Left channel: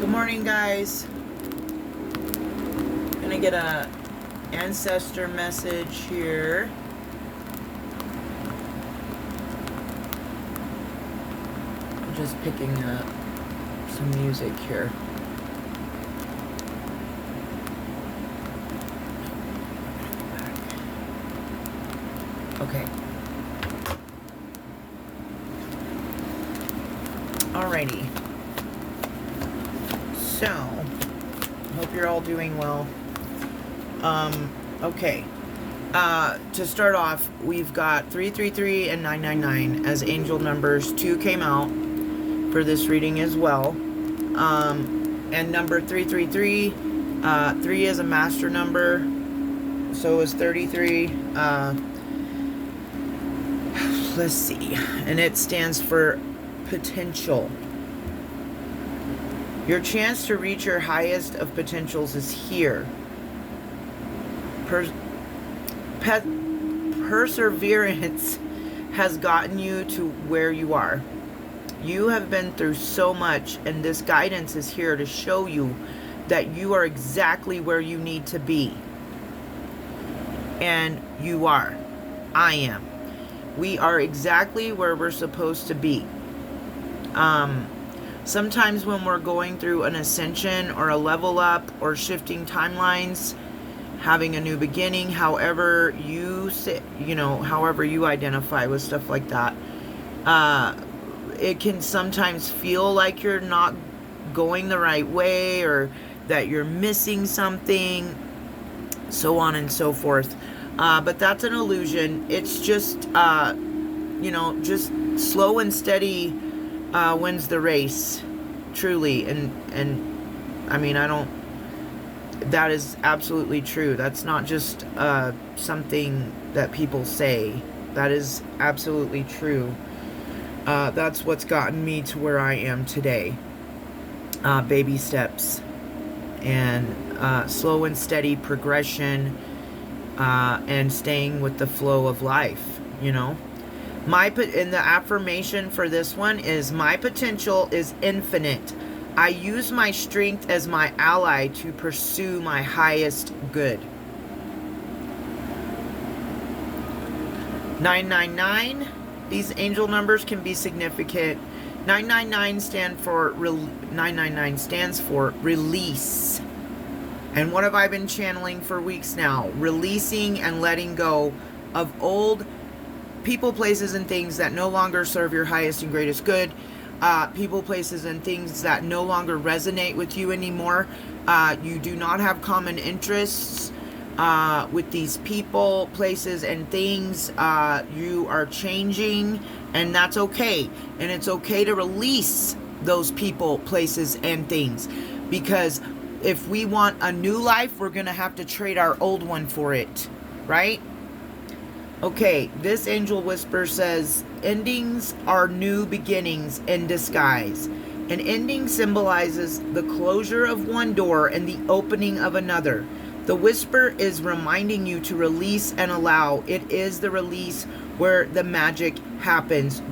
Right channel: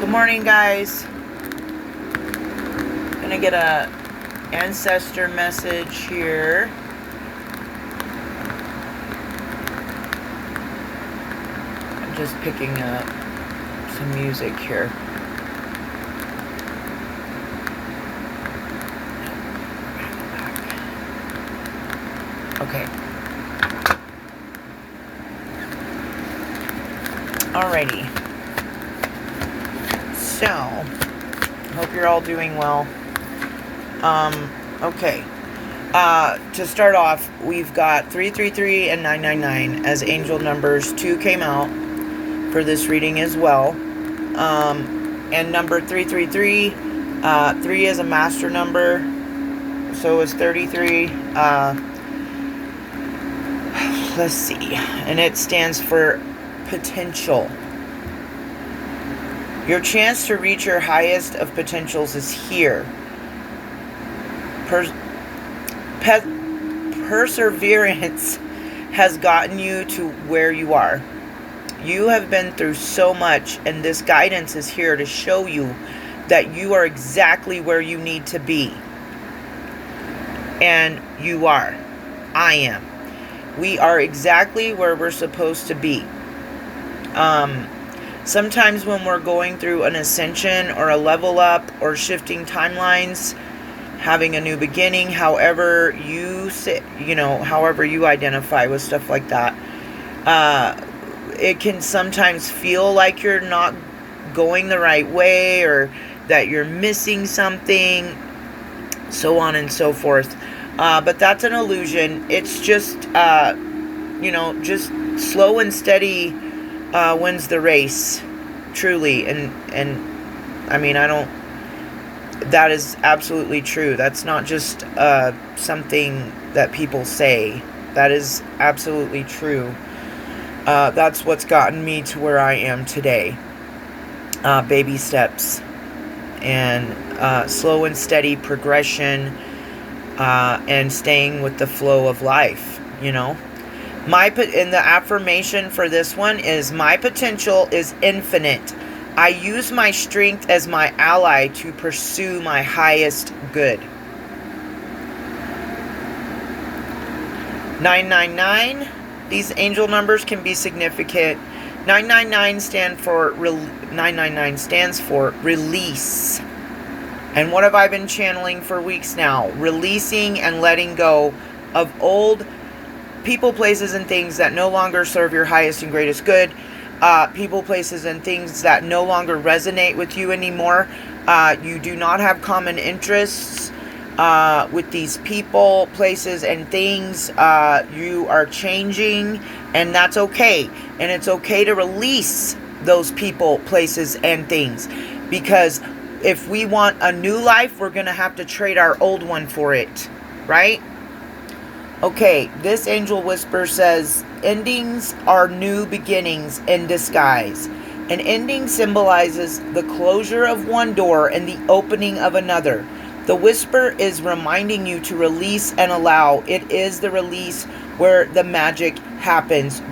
Good morning, guys. Gonna get a ancestor message here. I'm just picking up some music here. Okay. Alrighty. So, hope you're all doing well. Okay. To start off, we've got 333 and 999 as angel numbers. 2 came out for this reading as well. And number 333, 3 is a master number. So is 33. Let's see. And it stands for potential. Your chance to reach your highest of potentials is here. Perseverance has gotten you to where you are. You have been through so much, and this guidance is here to show you that you are exactly where you need to be. And you are. I am. We are exactly where we're supposed to be. Sometimes when we're going through an ascension or a level up or shifting timelines, having a new beginning, however you say, however you identify with stuff like that, it can sometimes feel like you're not going the right way or that you're missing something, so on and so forth. But that's an illusion. It's just, just slow and steady wins the race, truly. And I mean, that is absolutely true. That's not just something that people say. That is absolutely true. That's what's gotten me to where I am today. Baby steps and slow and steady progression, and staying with the flow of life, And the affirmation for this one is, my potential is infinite. I use my strength as my ally to pursue my highest good. 999, these angel numbers can be significant. 999 stands for release. And what have I been channeling for weeks now? Releasing and letting go of old people, places, and things that no longer serve your highest and greatest good. People, places, and things that no longer resonate with you anymore. You do not have common interests with these people, places, and things. You are changing, and that's okay. And it's okay to release those people, places, and things. Because if we want a new life, we're going to have to trade our old one for it. Right? Okay, this angel whisper says, endings are new beginnings in disguise. An ending symbolizes the closure of one door and the opening of another. The whisper is reminding you to release and allow. It is the release where the magic happens.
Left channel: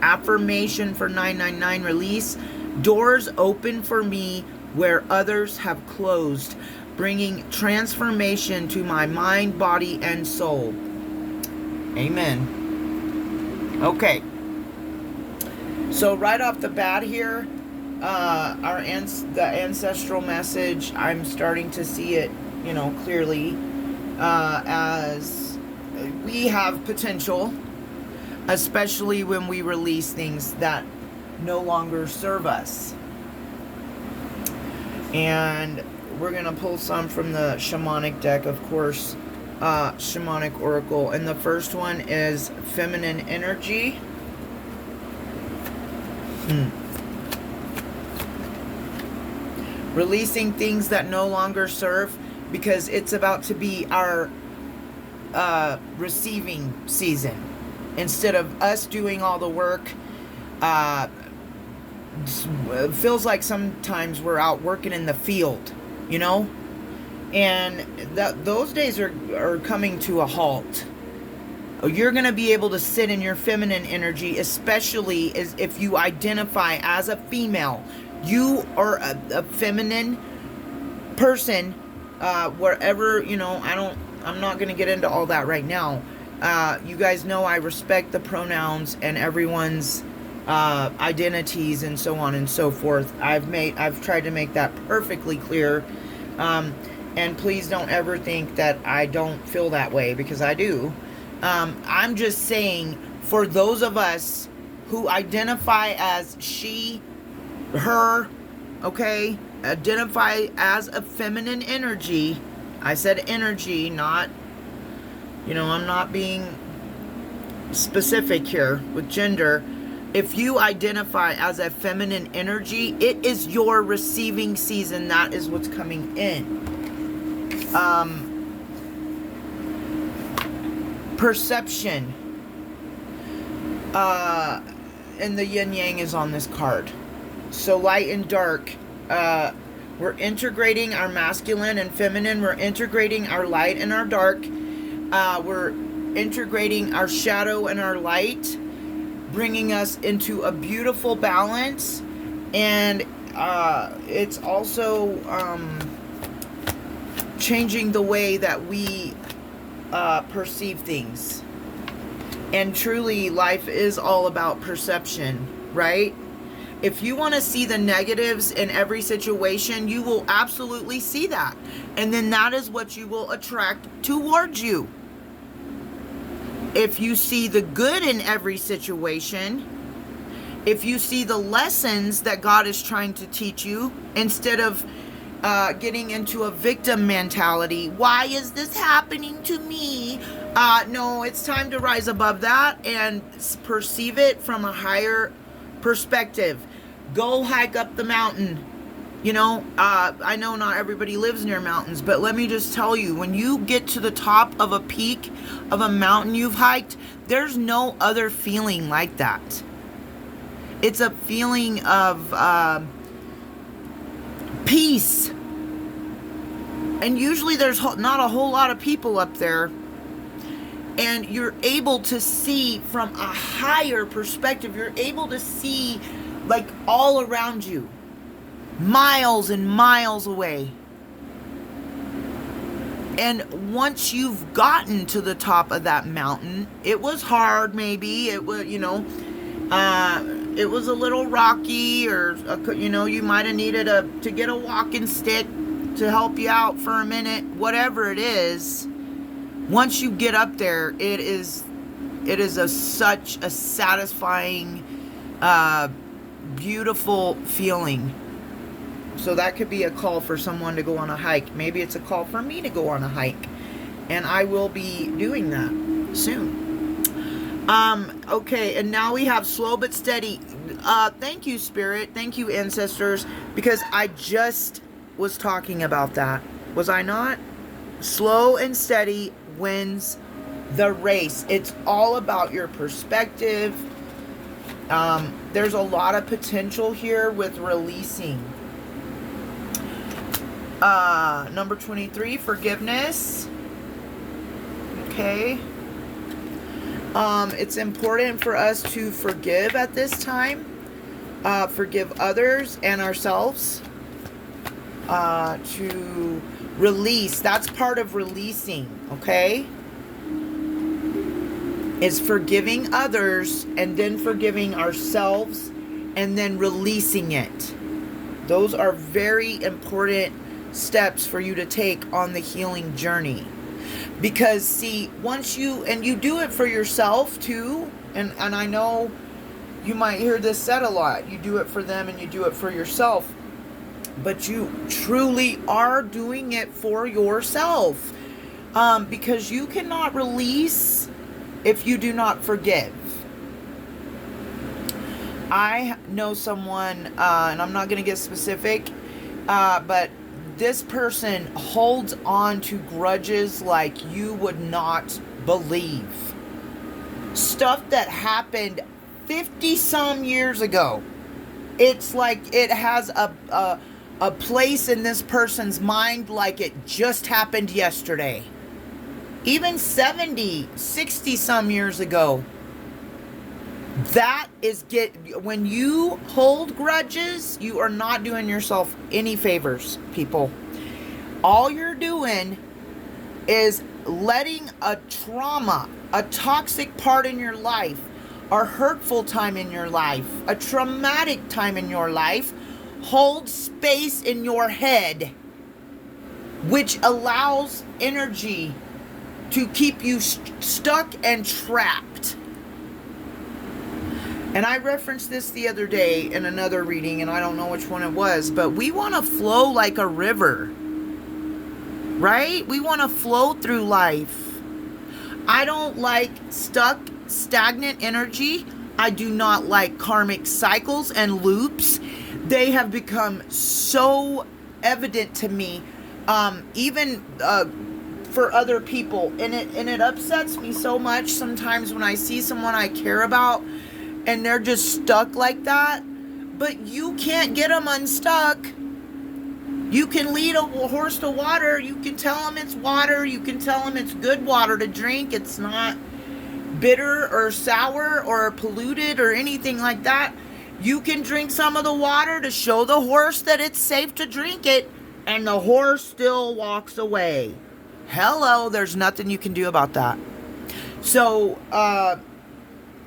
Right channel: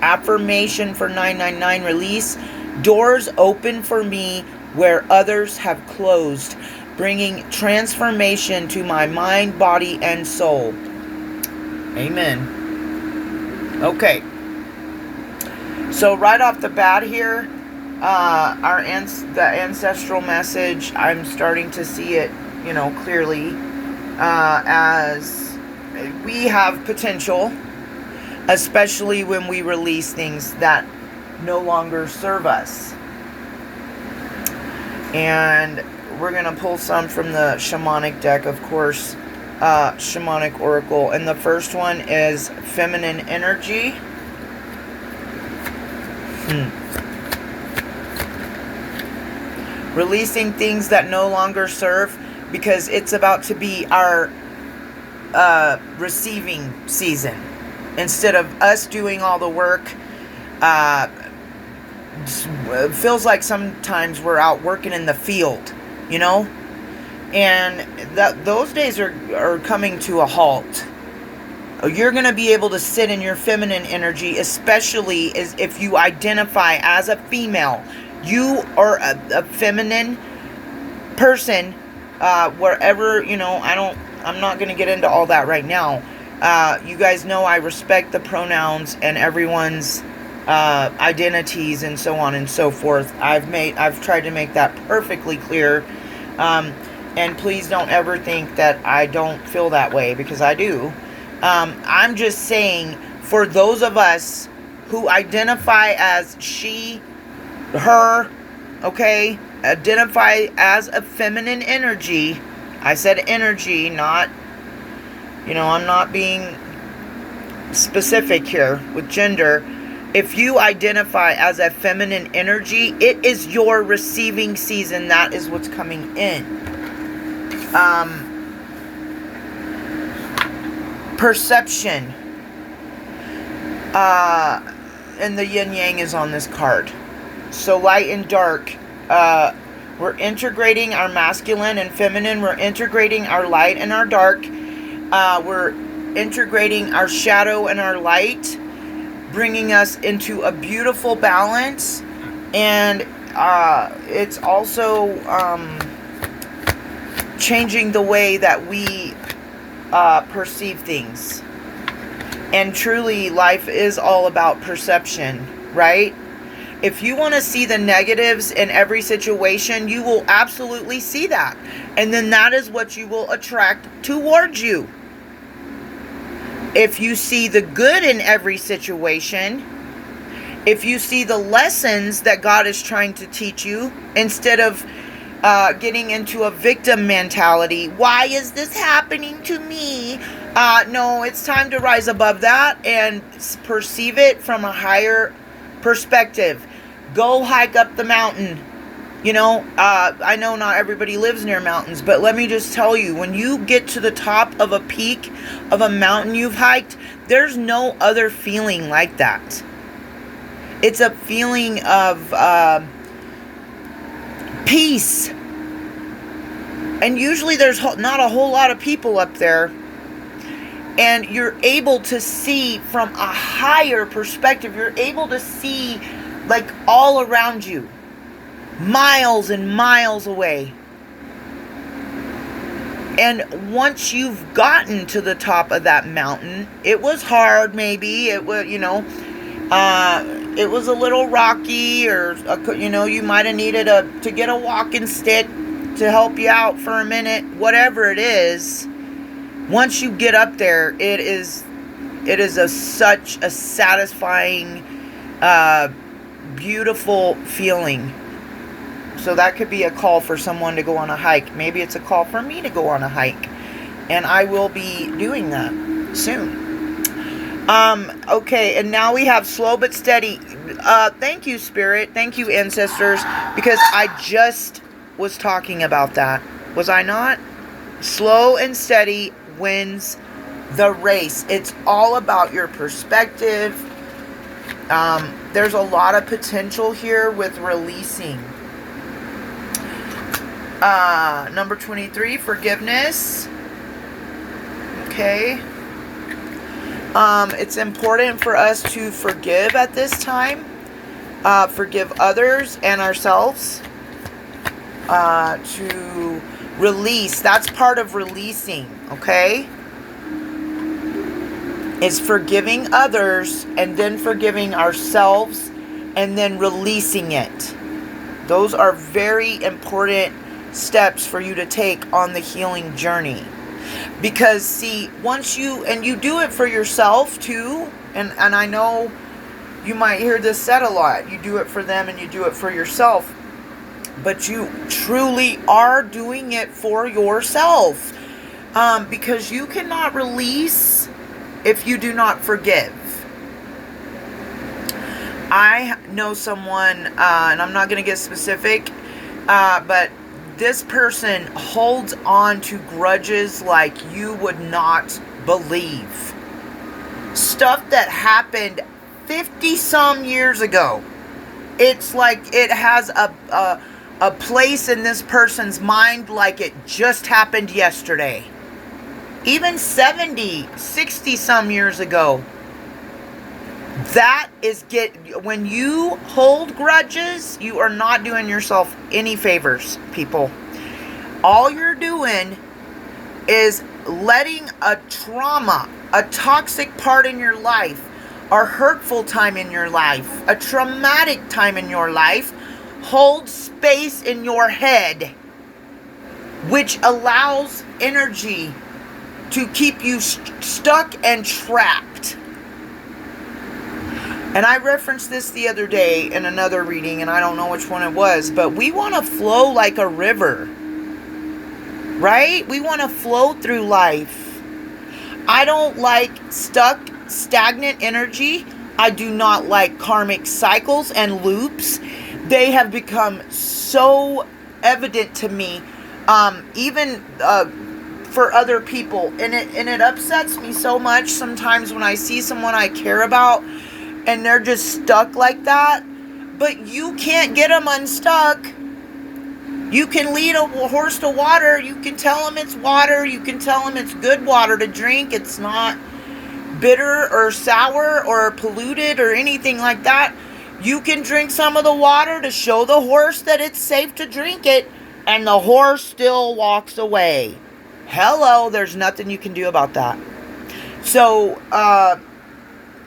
Affirmation for 999, release. Doors open for me where others have closed, bringing transformation to my mind, body, and soul. Amen. Okay. So right off the bat here, the ancestral message, I'm starting to see it, clearly, as we have potential, especially when we release things that no longer serve us. And we're going to pull some from the shamanic deck, of course. Shamanic Oracle, and the first one is feminine energy. Releasing things that no longer serve, because it's about to be our receiving season. Instead of us doing all the work, it feels like sometimes we're out working in the field, And those days are coming to a halt. You're going to be able to sit in your feminine energy, especially as if you identify as a female. You are a feminine person, wherever, I'm not going to get into all that right now. You guys know I respect the pronouns and everyone's identities and so on and so forth. I've tried to make that perfectly clear. And please don't ever think that I don't feel that way, because I do. I'm just saying, for those of us who identify as she, her, okay, identify as a feminine energy. I said energy, not, I'm not being specific here with gender. If you identify as a feminine energy, it is your receiving season. That is what's coming in. Perception. And the yin yang is on this card. So light and dark. We're integrating our masculine and feminine. We're integrating our light and our dark. We're integrating our shadow and our light, bringing us into a beautiful balance. And it's also changing the way that we perceive things. And truly, life is all about perception, right? If you want to see the negatives in every situation, you will absolutely see that. And then that is what you will attract towards you. If you see the good in every situation, if you see the lessons that God is trying to teach you, instead of getting into a victim mentality, why is this happening to me? No, it's time to rise above that and perceive it from a higher perspective. Go hike up the mountain. I know not everybody lives near mountains, but let me just tell you, when you get to the top of a peak of a mountain you've hiked, there's no other feeling like that. It's a feeling of peace. And usually there's not a whole lot of people up there. And you're able to see from a higher perspective. You're able to see like all around you, miles and miles away. And once you've gotten to the top of that mountain, it was hard, maybe. It was, it was a little rocky, or, you might have needed to get a walking stick to help you out for a minute, whatever it is. Once you get up there, it is such a satisfying, beautiful feeling. So that could be a call for someone to go on a hike. Maybe it's a call for me to go on a hike. And I will be doing that soon. Okay, and now we have slow but steady. Thank you, Spirit. Thank you, ancestors. Because I just was talking about that. Was I not? Slow and steady wins the race. It's all about your perspective. There's a lot of potential here with releasing. Number 23, forgiveness. Okay. It's important for us to forgive at this time. Forgive others and ourselves. To release. That's part of releasing, okay? Is forgiving others and then forgiving ourselves and then releasing it. Those are very important steps for you to take on the healing journey. Because see, once you do it for yourself too, and I know you might hear this said a lot, you do it for them and you do it for yourself, but you truly are doing it for yourself, because you cannot release if you do not forgive. I know someone, and I'm not going to get specific, but this person holds on to grudges like you would not believe. Stuff that happened 50 some years ago. It's like it has a place in this person's mind like it just happened yesterday. Even 70, 60 some years ago. That is when you hold grudges, you are not doing yourself any favors, people. All you're doing is letting a trauma, a toxic part in your life, a hurtful time in your life, a traumatic time in your life hold space in your head, which allows energy to keep you stuck and trapped. And I referenced this the other day in another reading, and I don't know which one it was, but we want to flow like a river, right? We want to flow through life. I don't like stuck, stagnant energy. I do not like karmic cycles and loops. They have become so evident to me, even for other people, and it upsets me so much sometimes when I see someone I care about and they're just stuck like that. But you can't get them unstuck. You can lead a horse to water. You can tell them it's water. You can tell them it's good water to drink. It's not bitter or sour or polluted or anything like that. You can drink some of the water to show the horse that it's safe to drink it, and the horse still walks away. Hello, there's nothing you can do about that. So,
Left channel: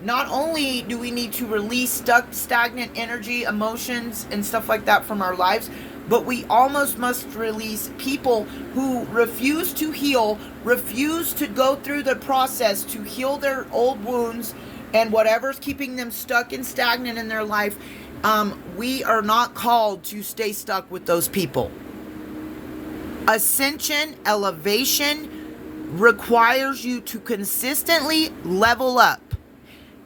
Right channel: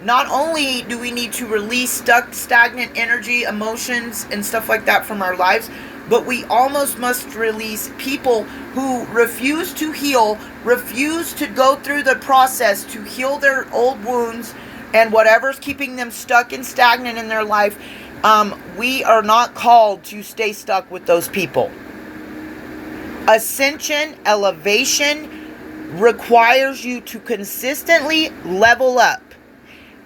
not only do we need to release stuck, stagnant energy, emotions, and stuff like that from our lives, but we almost must release people who refuse to heal, refuse to go through the process to heal their old wounds and whatever's keeping them stuck and stagnant in their life. We are not called to stay stuck with those people. Ascension, elevation requires you to consistently level up.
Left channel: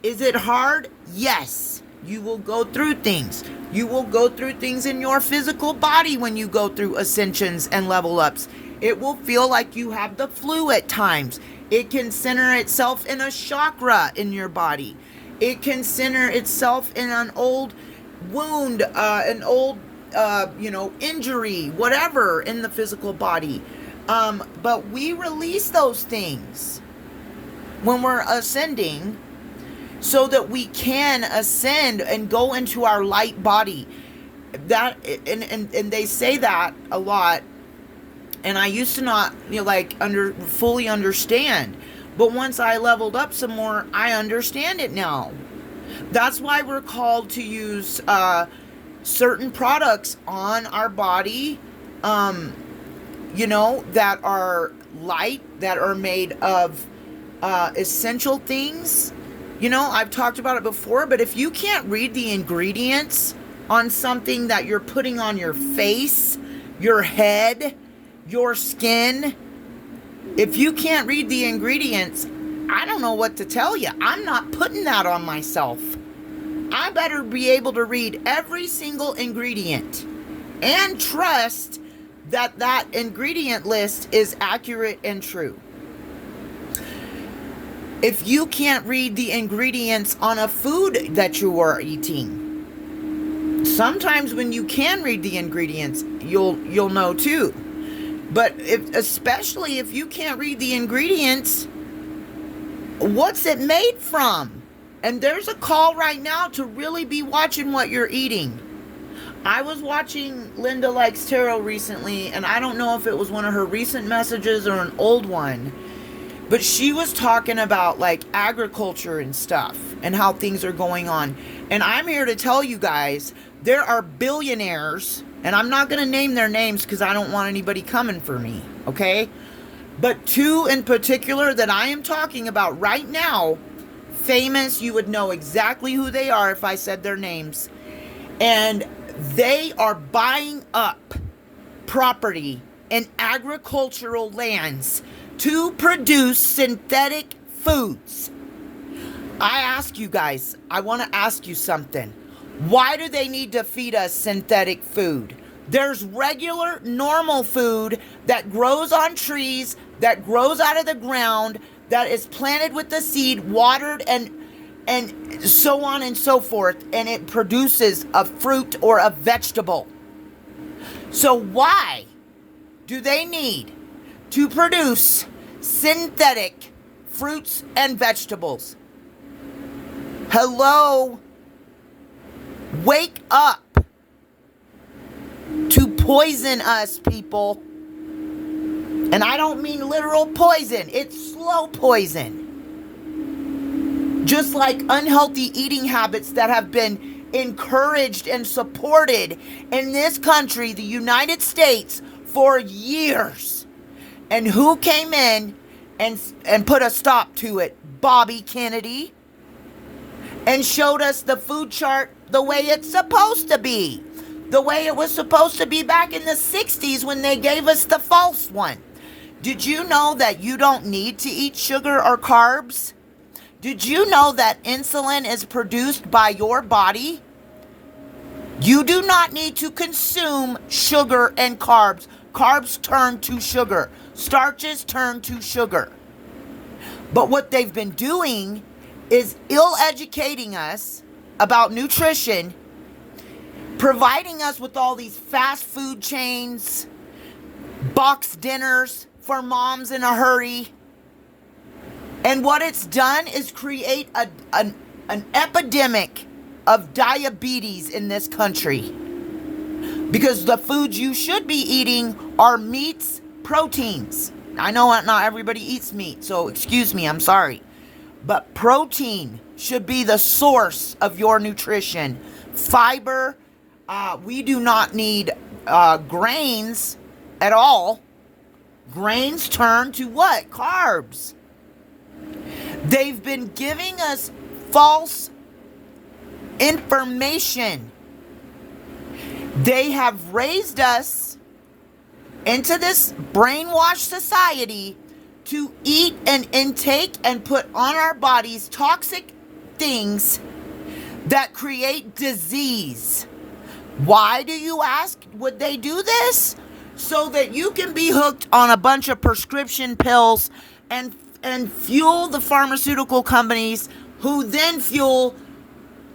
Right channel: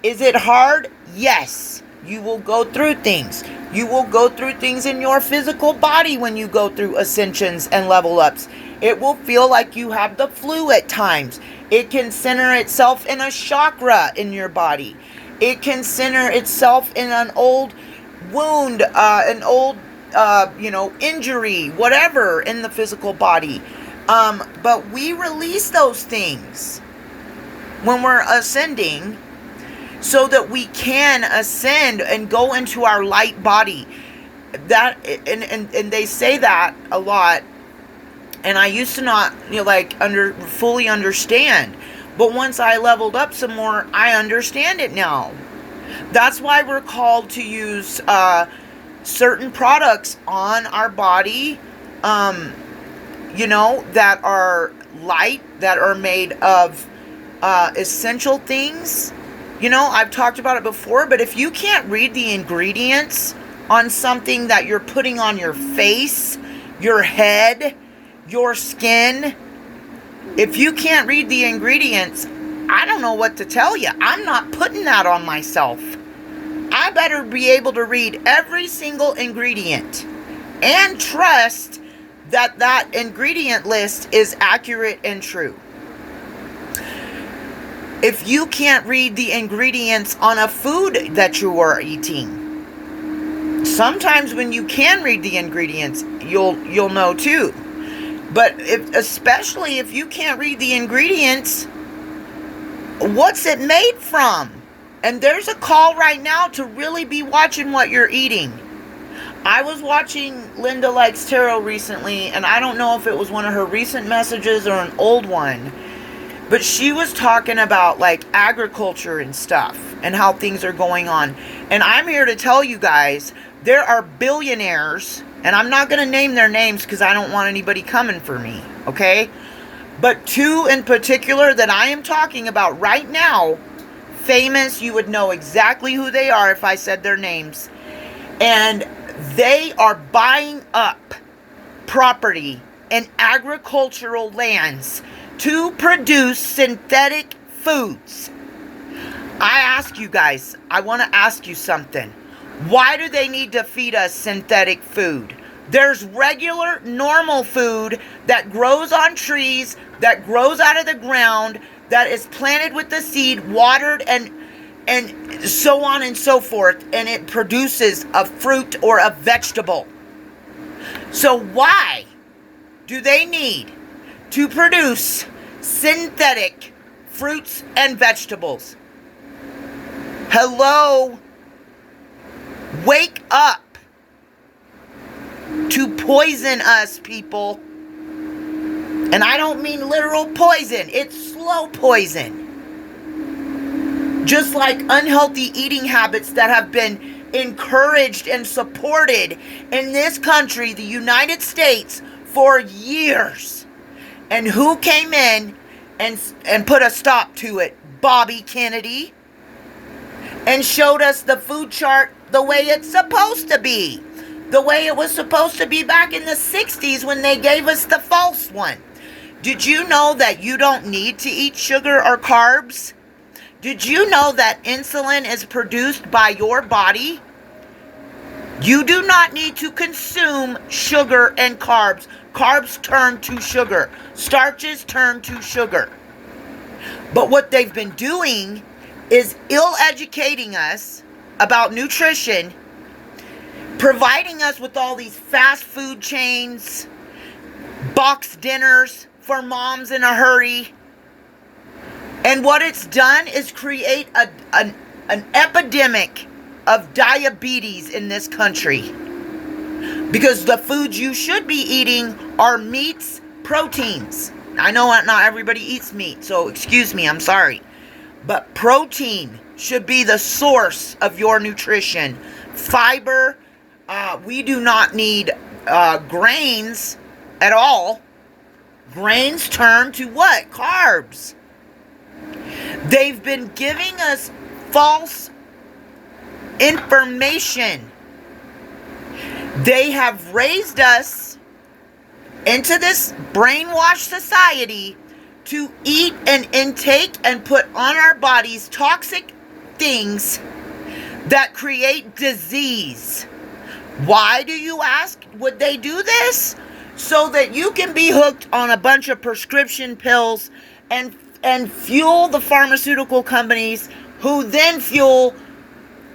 Is it hard? Yes. You will go through things. You will go through things in your physical body when you go through ascensions and level ups. It will feel like you have the flu at times. It can center itself in a chakra in your body. It can center itself in an old wound, an old, injury, whatever in the physical body. But we release those things when we're ascending, so that we can ascend and go into our light body. That and they say that a lot, and I used to not fully understand, but once I leveled up some more, I understand it now. That's why we're called to use certain products on our body, that are light, that are made of essential things. I've talked about it before, but if you can't read the ingredients on something that you're putting on your face, your head, your skin, if you can't read the ingredients, I don't know what to tell you. I'm not putting that on myself. I better be able to read every single ingredient and trust that that ingredient list is accurate and true. If you can't read the ingredients on a food that you are eating, sometimes when you can read the ingredients, you'll know too. But especially if you can't read the ingredients, what's it made from? And there's a call right now to really be watching what you're eating. I was watching Linda Likes Tarot recently, and I don't know if it was one of her recent messages or an old one, but she was talking about agriculture and stuff and how things are going on. And I'm here to tell you guys, there are billionaires, and I'm not going to name their names because I don't want anybody coming for me, okay? But two in particular that I am talking about right now, famous, you would know exactly who they are if I said their names. And they are buying up property and agricultural lands to produce synthetic foods. I ask you guys, I want to ask you something. Why do they need to feed us synthetic food? There's regular, normal food that grows on trees, that grows out of the ground, that is planted with the seed, watered, and so on and so forth, and it produces a fruit or a vegetable. So why do they need to produce synthetic fruits and vegetables? Hello? Wake up to poison us, people. And I don't mean literal poison. It's slow poison. Just like unhealthy eating habits that have been encouraged and supported in this country, the United States, for years. And who came in and put a stop to it? Bobby Kennedy. And showed us the food chart the way it's supposed to be. The way it was supposed to be back in the 60s when they gave us the false one. Did you know that you don't need to eat sugar or carbs? Did you know that insulin is produced by your body? You do not need to consume sugar and carbs. Carbs turn to sugar. Starches turn to sugar. But what they've been doing is ill-educating us about nutrition, providing us with all these fast food chains, box dinners for moms in a hurry. And what it's done is create an epidemic of diabetes in this country. Because the foods you should be eating are meats, proteins. I know not everybody eats meat, so excuse me, I'm sorry. But protein should be the source of your nutrition. Fiber, we do not need grains at all. Grains turn to what? Carbs. They've been giving us false information. They have raised us into this brainwashed society to eat and intake and put on our bodies toxic things that create disease. Why do you ask? Would they do this? So that you can be hooked on a bunch of prescription pills and fuel the pharmaceutical companies who then fuel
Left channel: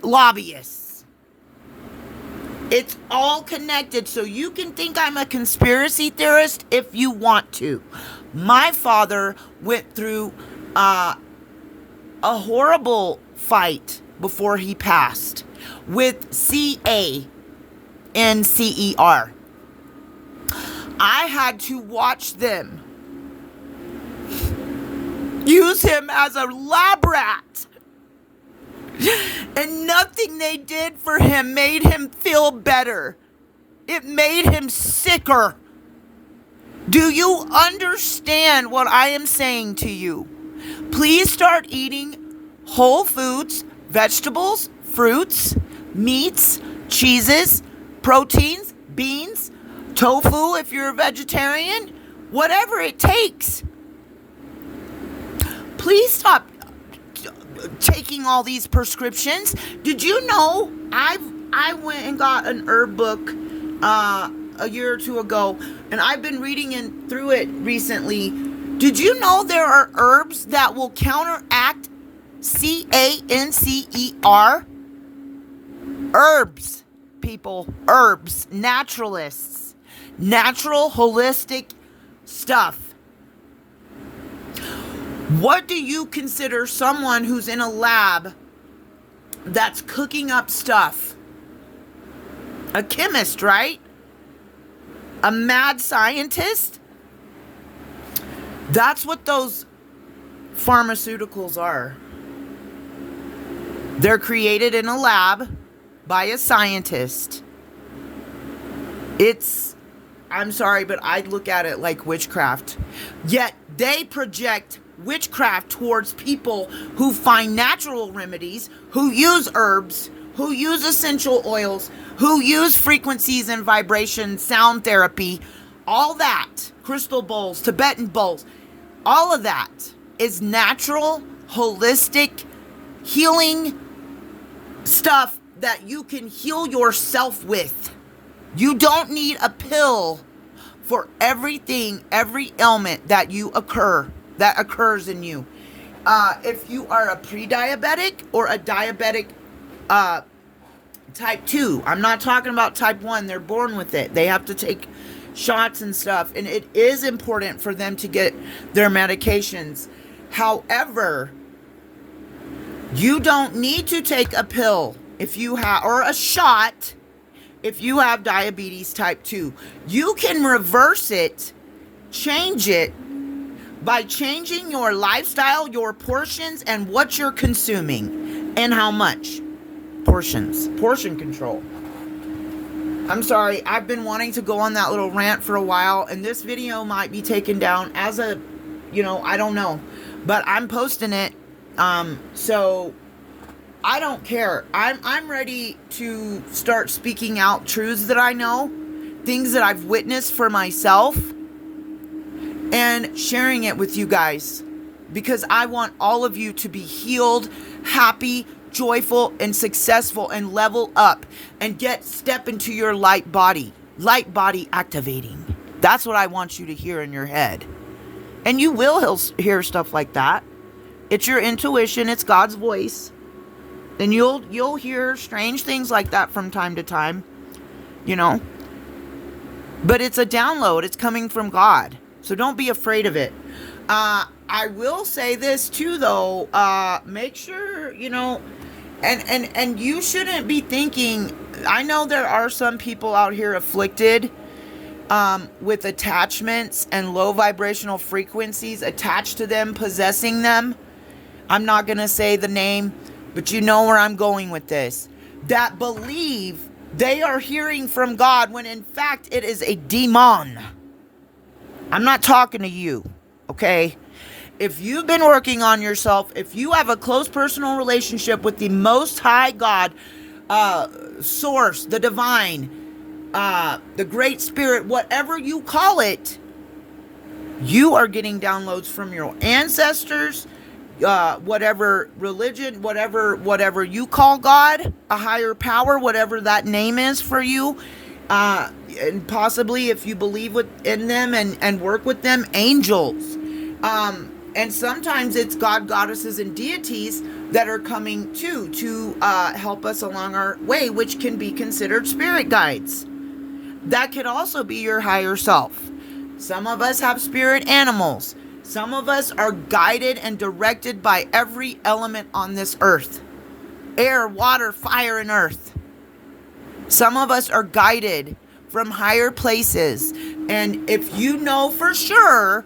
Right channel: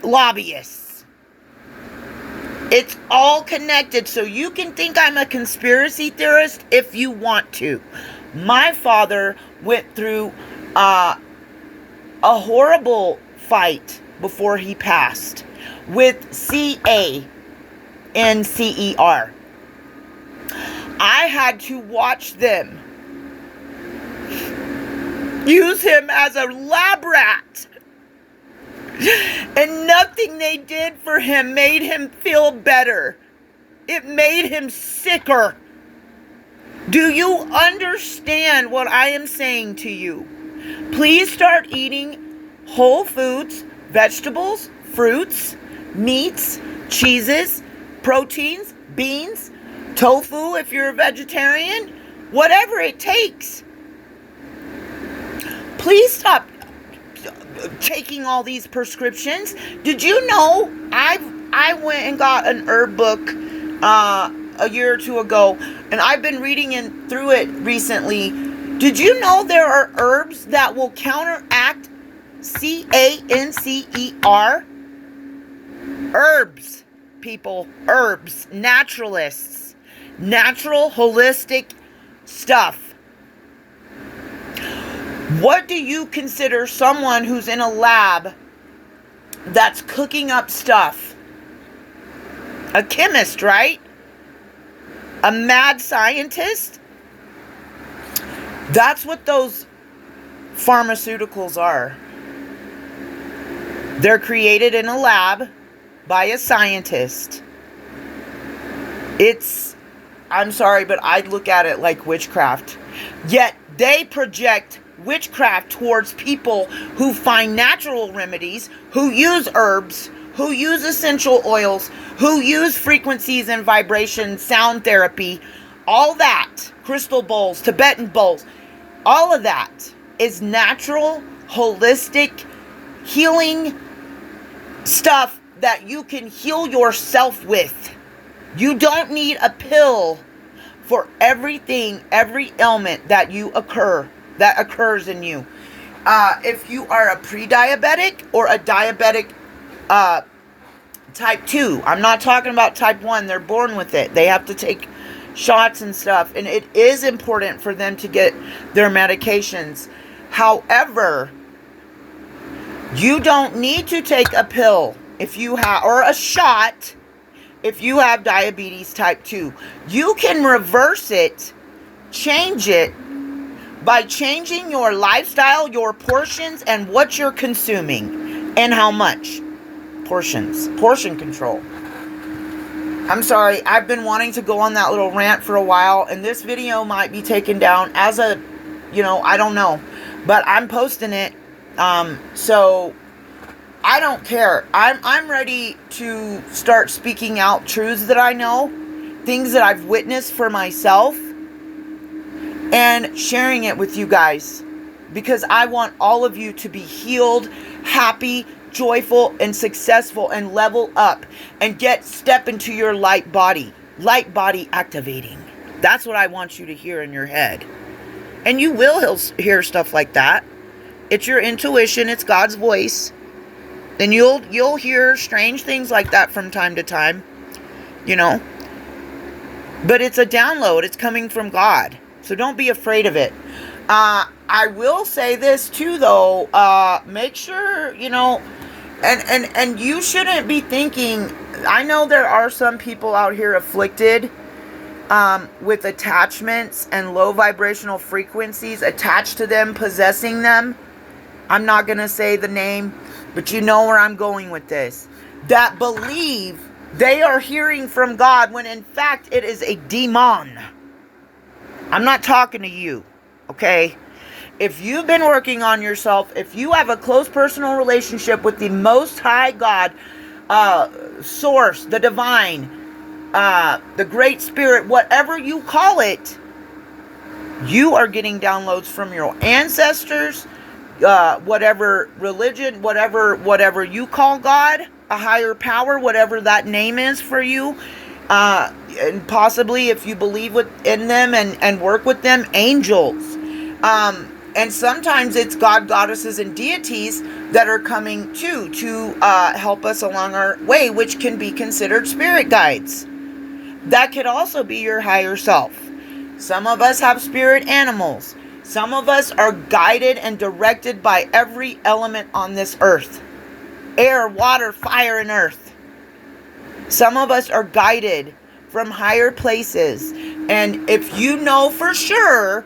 lobbyists. It's all connected, so you can think I'm a conspiracy theorist if you want to. My father went through a horrible fight before he passed with CANCER. I had to watch them use him as a lab rat. And nothing they did for him made him feel better. It made him sicker. Do you understand what I am saying to you? Please start eating whole foods, vegetables, fruits, meats, cheeses, proteins, beans, tofu if you're a vegetarian, whatever it takes. Please stop taking all these prescriptions. Did you know I went and got an herb book a year or two ago, and I've been reading through it recently. Did you know there are herbs that will counteract CANCER? Herbs, people, herbs, naturalists, natural holistic stuff. What do you consider someone who's in a lab that's cooking up stuff? A chemist, right? A mad scientist? That's what those pharmaceuticals are. They're created in a lab by a scientist. I'm sorry, but I look at it like witchcraft. Yet they project witchcraft towards people who find natural remedies, who use herbs, who use essential oils, who use frequencies and vibration, sound therapy, all that, crystal bowls, Tibetan bowls, all of that is natural, holistic, healing stuff that you can heal yourself with. You don't need a pill for everything, every ailment that occurs in you. If you are a pre-diabetic or a diabetic type 2, I'm not talking about type 1, they're born with it. They have to take shots and stuff, and it is important for them to get their medications. However, You don't need to take a pill if you have, or a shot if you have diabetes type 2. You can reverse it, change it by changing your lifestyle, your portions, and what you're consuming and how much. Portion control. I'm sorry, I've been wanting to go on that little rant for a while, and this video might be taken down as a, I don't know, but I'm posting it. So I don't care. I'm ready to start speaking out truths that I know, things that I've witnessed for myself, and sharing it with you guys, because I want all of you to be healed, happy, joyful, and successful, and level up and step into your light body activating. That's what I want you to hear in your head. And you will hear stuff like that. It's your intuition, it's God's voice. Then you'll hear strange things like that from time to time, But it's a download, it's coming from God. So don't be afraid of it. I will say this too, though. Make sure, and you shouldn't be thinking, I know there are some people out here afflicted with attachments and low vibrational frequencies attached to them, possessing them. I'm not going to say the name, but you know where I'm going with this. That believe they are hearing from God when in fact it is a demon. I'm not talking to you, okay? If you've been working on yourself, if you have a close personal relationship with the Most High God, Source, the Divine, the Great Spirit, whatever you call it, you are getting downloads from your ancestors, whatever religion, whatever you call God, a higher power, whatever that name is for you. And possibly if you believe in them and work with them, angels. And sometimes it's God, goddesses, and deities that are coming to help us along our way, which can be considered spirit guides. That could also be your higher self. Some of us have spirit animals. Some of us are guided and directed by every element on this earth. Air, water, fire, and earth. Some of us are guided from higher places. And if you know for sure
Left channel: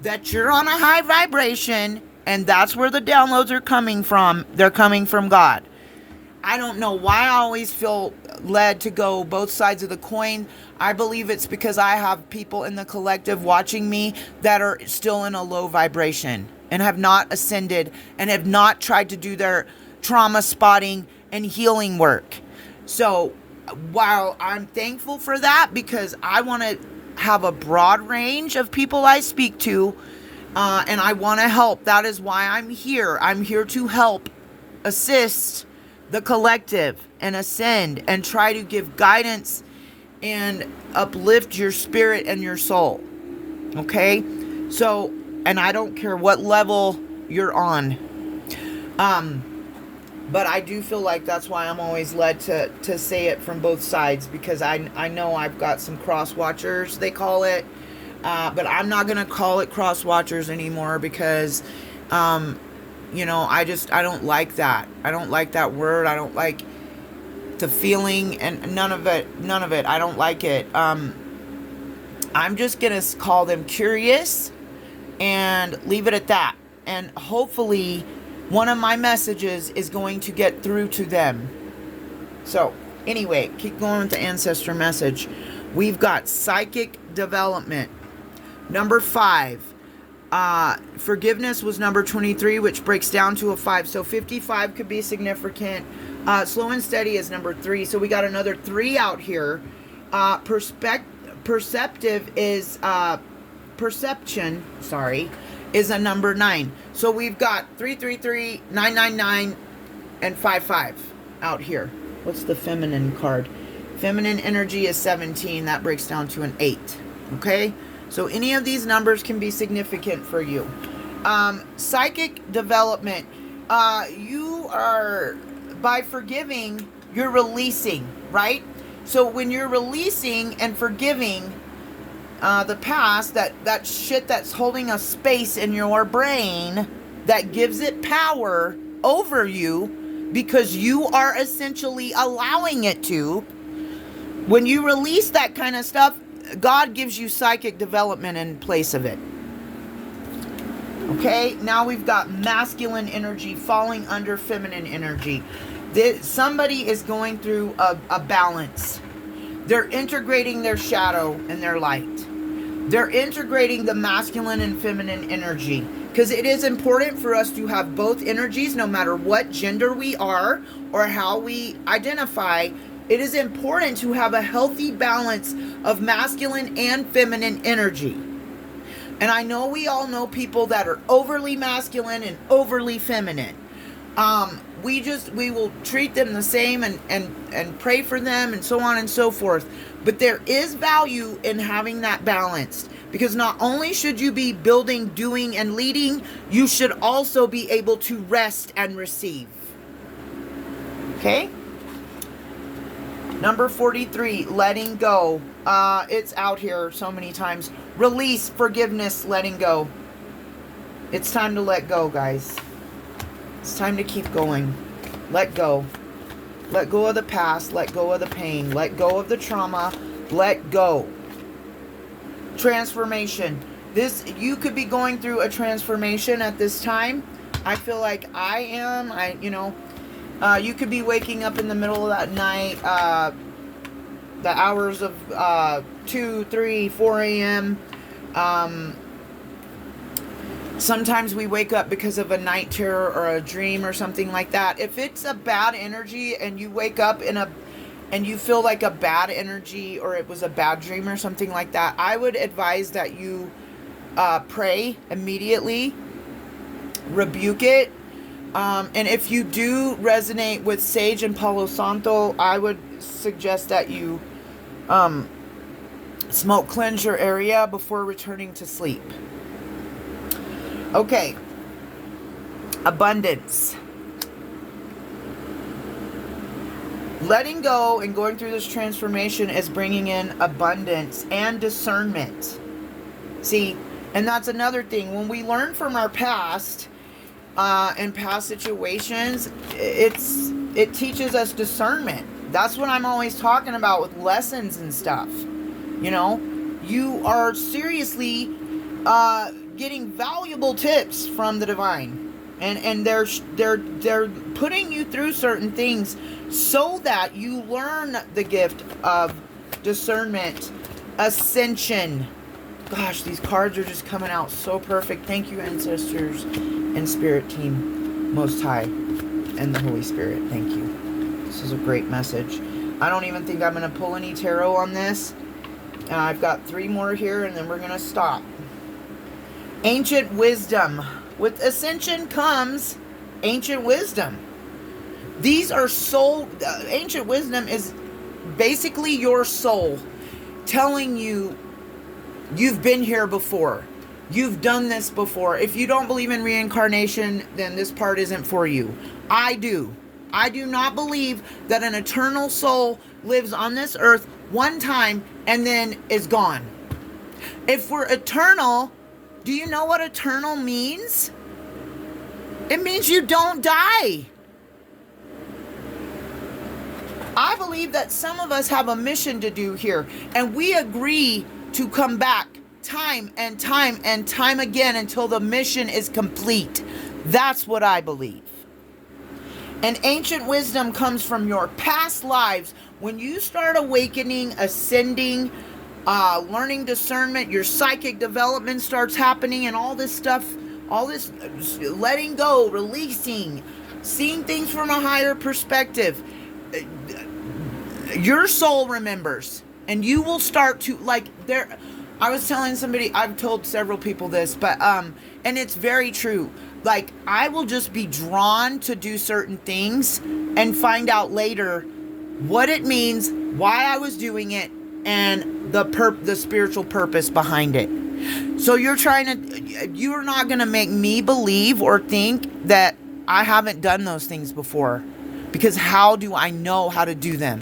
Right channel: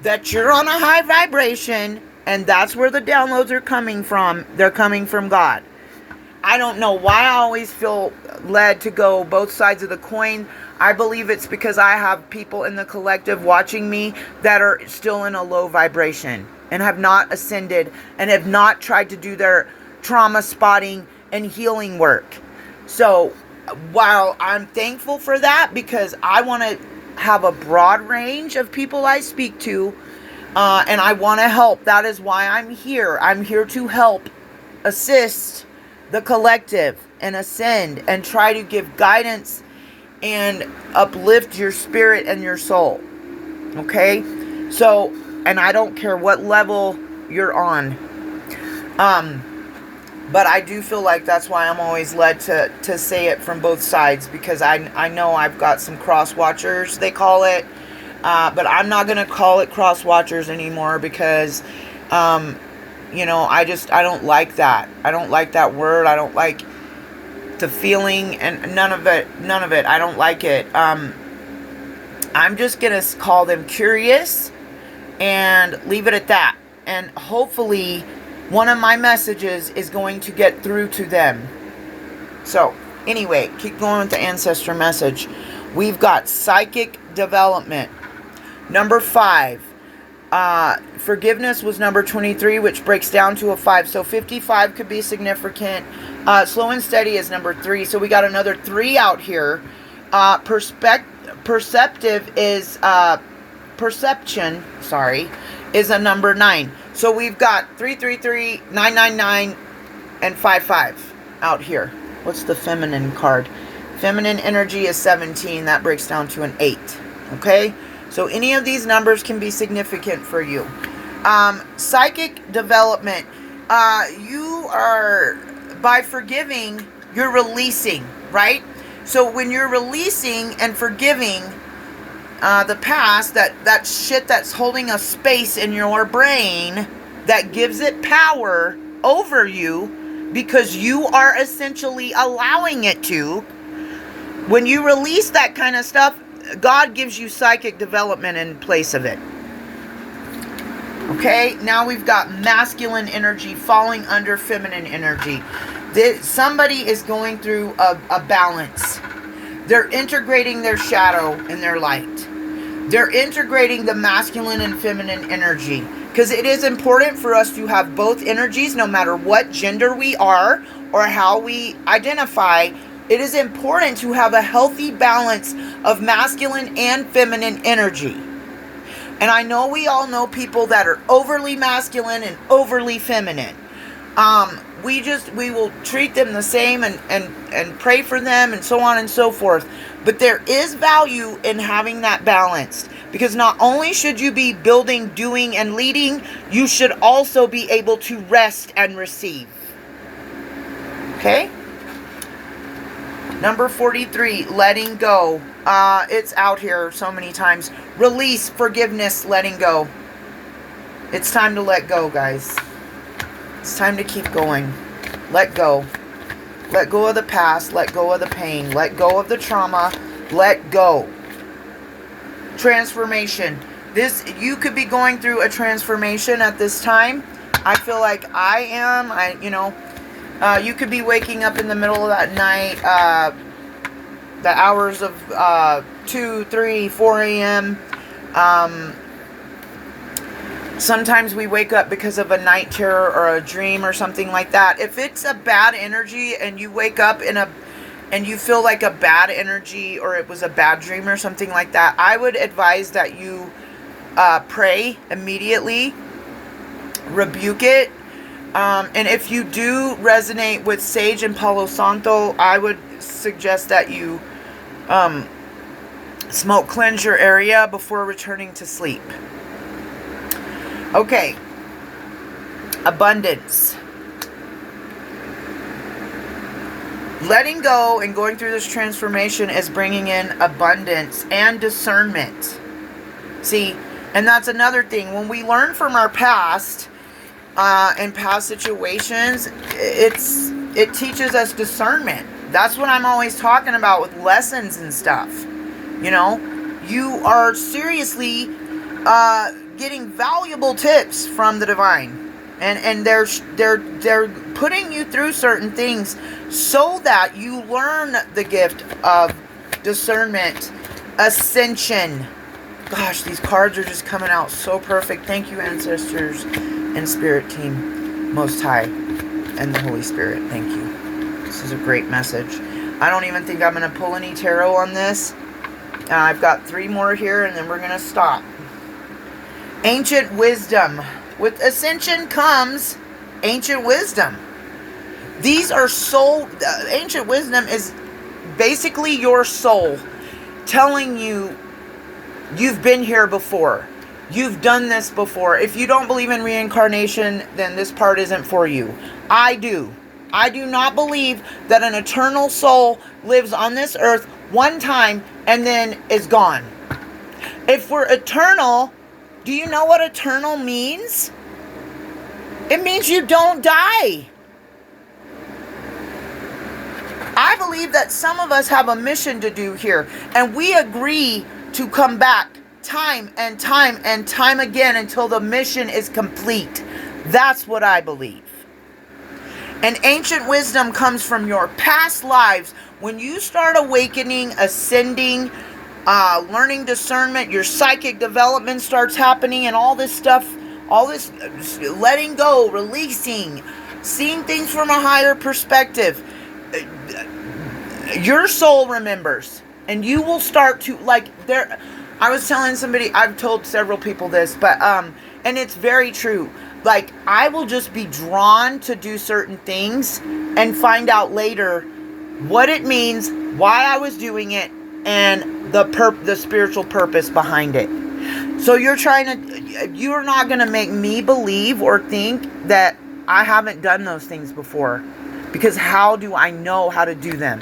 that you're on a high vibration and that's where the downloads are coming from, they're coming from God. I don't know why I always feel led to go both sides of the coin. I believe it's because I have people in the collective watching me that are still in a low vibration and have not ascended and have not tried to do their trauma spotting and healing work. So while I'm thankful for that, because I want to have a broad range of people I speak to, and I want to help. That is why I'm here. I'm here to help, assist the collective and ascend and try to give guidance and uplift your spirit and your soul. Okay? So, and I don't care what level you're on. But I do feel like that's why I'm always led to say it from both sides, because I know I've got some cross watchers, they call it. But I'm not going to call it cross watchers anymore because, I don't like that. I don't like that word. I don't like the feeling and none of it. I don't like it. I'm just going to call them curious and leave it at that. And hopefully one of my messages is going to get through to them. So anyway, keep going with the ancestor message. We've got psychic development. Number 5. Forgiveness was number 23, which breaks down to a 5. So 55 could be significant. Slow and steady is number 3. So we got another 3 out here. Perceptive is perception. Is a number 9. So we've got 333, 999, and 55 out here. What's the feminine card? Feminine energy is 17. That breaks down to an 8. Okay? So any of these numbers can be significant for you. Psychic development. You are, by forgiving, you're releasing, right? So when you're releasing and forgiving the past, that shit that's holding a space in your brain that gives it power, over you because you are essentially allowing it to. When you release that kind of stuff, God gives you psychic development in place of it. Okay, now we've got masculine energy falling under feminine energy. Somebody is going through a balance. They're integrating their shadow and their light. They're integrating the masculine and feminine energy. Because it is important for us to have both energies, no matter what gender we are or how we identify. It is important to have a healthy balance of masculine and feminine energy. And I know we all know people that are overly masculine and overly feminine. We will treat them the same and pray for them and so on and so forth. But there is value in having that balance, because not only should you be building, doing, and leading, you should also be able to rest and receive. Okay? Number 43, letting go. It's out here so many times. Release, forgiveness, letting go. It's time to let go, guys. It's time to keep going. Let go. Let go of the past. Let go of the pain. Let go of the trauma. Let go. Transformation. You could be going through a transformation at this time. I feel like I am. You could be waking up in the middle of that night, the hours of 2, 3, 4 a.m. Sometimes we wake up because of a night terror or a dream or something like that. If it's a bad energy and you wake up and you feel like a bad energy, or it was a bad dream or something like that, I would advise that you pray immediately, rebuke it. And if you do resonate with Sage and Palo Santo, I would suggest that you smoke cleanse your area before returning to sleep. Okay. Abundance. Letting go and going through this transformation is bringing in abundance and discernment. See, and that's another thing. When we learn from our past, in past situations, it teaches us discernment. That's what I'm always talking about with lessons and stuff. You are seriously getting valuable tips from the divine, and they're putting you through certain things so that you learn the gift of discernment, ascension. Gosh, these cards are just coming out so perfect. Thank you, ancestors and spirit team, Most High, and the Holy Spirit. Thank you. This is a great message. I don't even think I'm going to pull any tarot on this. I've got 3 more here, and then we're going to stop. Ancient wisdom. With ascension comes ancient wisdom. These are soul. Ancient wisdom is basically your soul telling you you've been here before. You've done this before. If you don't believe in reincarnation, then this part isn't for you. I do. I do not believe that an eternal soul lives on this earth one time and then is gone. If we're eternal, do you know what eternal means? It means you don't die. I believe that some of us have a mission to do here, and we agree to come back time and time and time again until the mission is complete. That's what I believe. And ancient wisdom comes from your past lives. When you start awakening, ascending, learning discernment, your psychic development starts happening, and all this stuff, all this letting go, releasing, seeing things from a higher perspective, your soul remembers, and you will start to, I was telling somebody, I've told several people this, but and it's very true. I will just be drawn to do certain things and find out later what it means, why I was doing it, and the spiritual purpose behind it. So you're not going to make me believe or think that I haven't done those things before, because how do I know how to do them?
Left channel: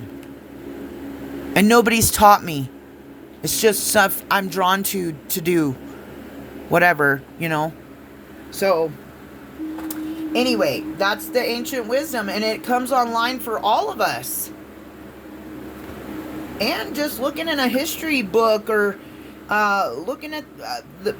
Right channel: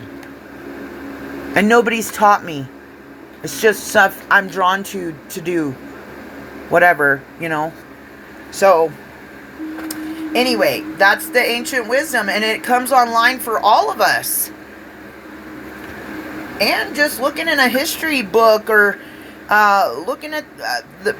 And nobody's taught me. It's just stuff I'm drawn to do whatever, So Anyway, that's the ancient wisdom, and it comes online for all of us. And just looking in a history book, or looking at the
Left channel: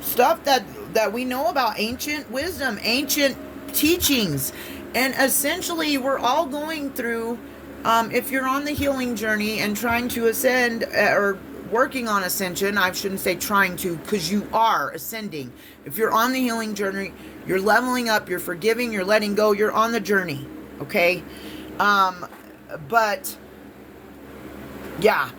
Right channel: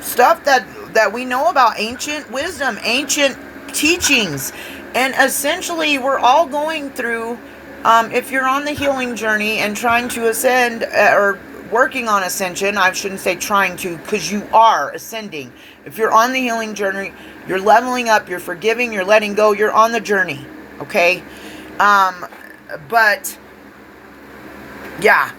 stuff that we know about ancient wisdom, ancient teachings. And essentially, we're all going through, if you're on the healing journey and trying to ascend, or working on ascension, I shouldn't say trying to, because you are ascending. If you're on the healing journey, you're leveling up, you're forgiving, you're letting go, you're on the journey, okay? But, yeah,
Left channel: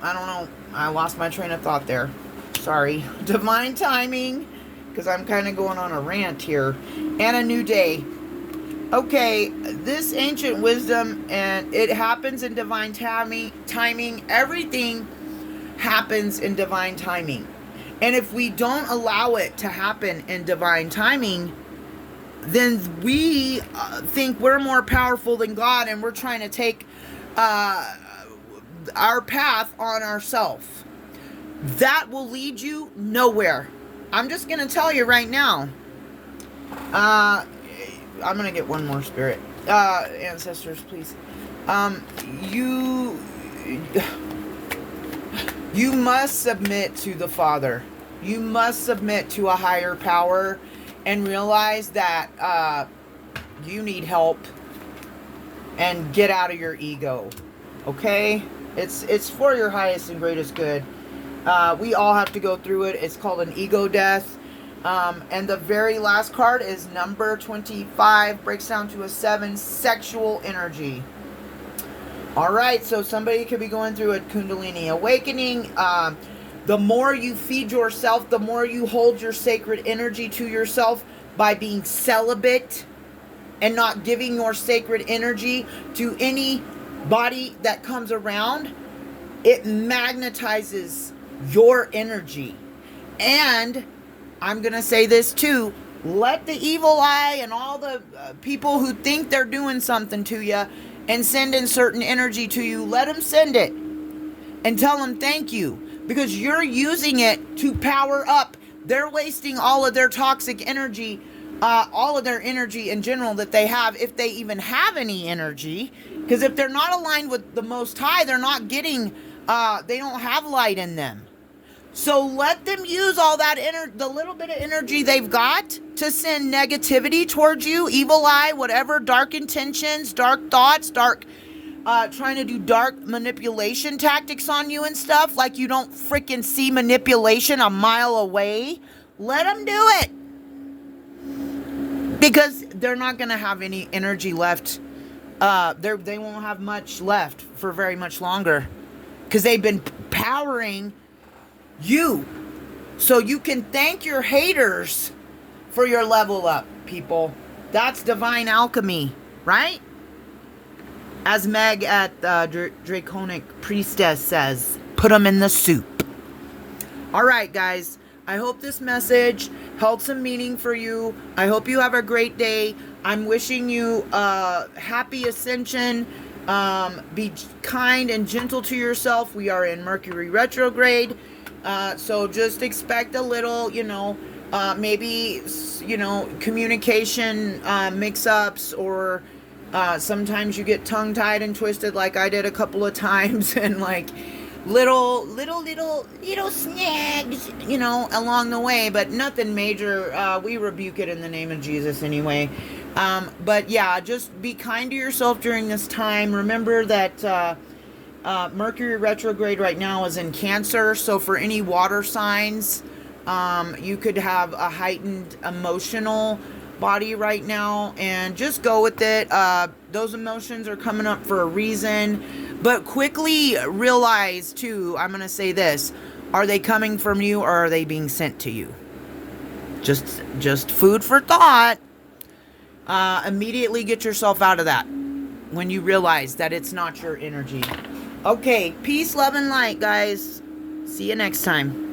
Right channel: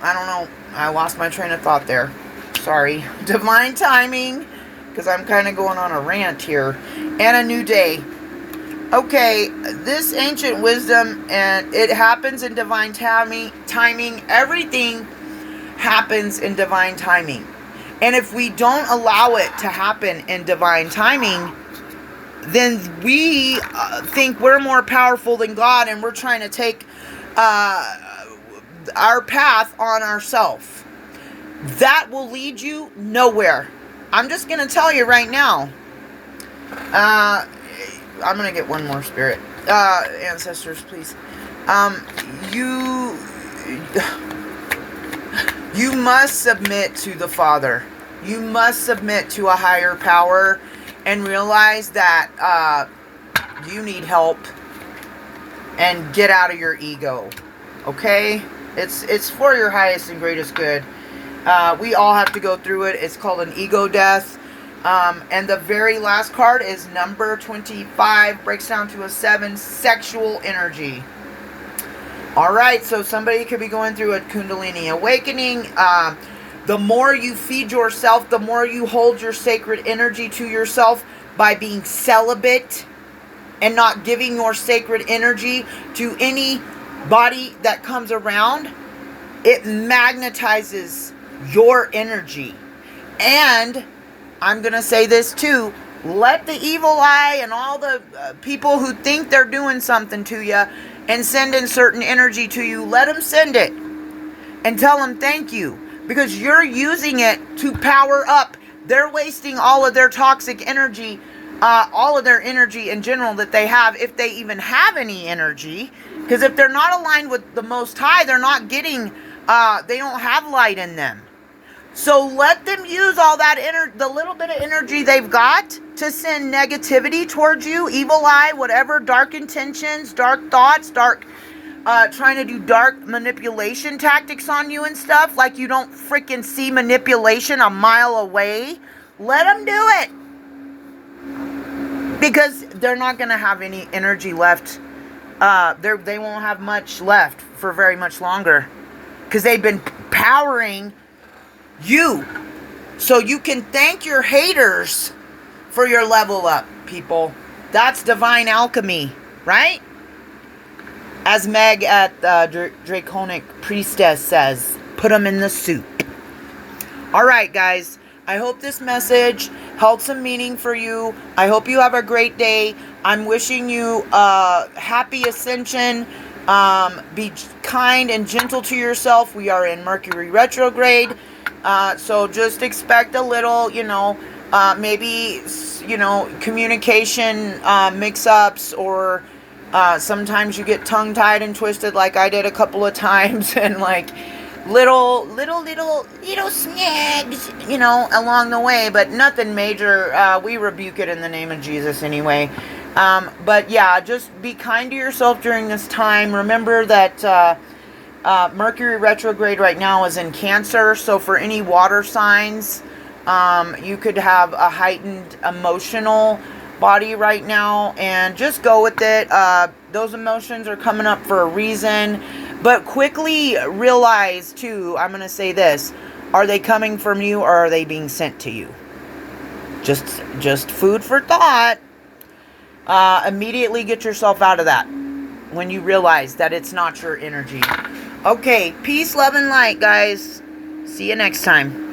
I don't know. I lost my train of thought there. Sorry. Divine timing, because I'm kind of going on a rant here. And a new day. Okay, this ancient wisdom, and it happens in divine timing. Everything happens in divine timing. And if we don't allow it to happen in divine timing, then we think we're more powerful than God, and we're trying to take our path on ourselves. That will lead you nowhere. I'm just going to tell you right now. I'm going to get one more spirit. Ancestors, please. You must submit to the Father. You must submit to a higher power and realize that you need help, and get out of your ego. Okay? It's for your highest and greatest good. We all have to go through it. It's called an ego death. And the very last card is number 25. Breaks down to a 7. Sexual energy. Alright, so somebody could be going through a Kundalini awakening. The more you feed yourself, the more you hold your sacred energy to yourself by being celibate and not giving your sacred energy to any body that comes around. It magnetizes your energy. And I'm going to say this too. Let the evil eye and all the people who think they're doing something to you and sending certain energy to you, let them send it. And tell them thank you. Because you're using it to power up. They're wasting all of their toxic energy, all of their energy in general that they have, if they even have any energy. Because if they're not aligned with the Most High, they're not getting, they don't have light in them. So let them use all that the little bit of energy they've got to send negativity towards you, evil eye, whatever, dark intentions, dark thoughts, trying to do dark manipulation tactics on you and stuff, like you don't freaking see manipulation a mile away. Let them do it. Because they're not going to have any energy left. They won't have much left for very much longer. Because they've been powering you. So you can thank your haters for your level up, people. That's divine alchemy, right? As Meg at Draconic Priestess says, put them in the soup. Alright, guys. I hope this message held some meaning for you. I hope you have a great day. I'm wishing you happy ascension. Be kind and gentle to yourself. We are in Mercury retrograde. So just expect a little, maybe, communication mix-ups, or sometimes you get tongue-tied and twisted like I did a couple of times, and like little snags, along the way, but nothing major. We rebuke it in the name of Jesus anyway. But yeah, just be kind to yourself during this time. Remember that Mercury retrograde right now is in Cancer, so for any water signs, you could have a heightened emotional body right now, and just go with it. Those emotions are coming up for a reason, but quickly realize too, I'm going to say this, are they coming from you, or are they being sent to you? Just food for thought. Immediately get yourself out of that when you realize that it's not your energy. Okay, peace, love, and light, guys. See you next time.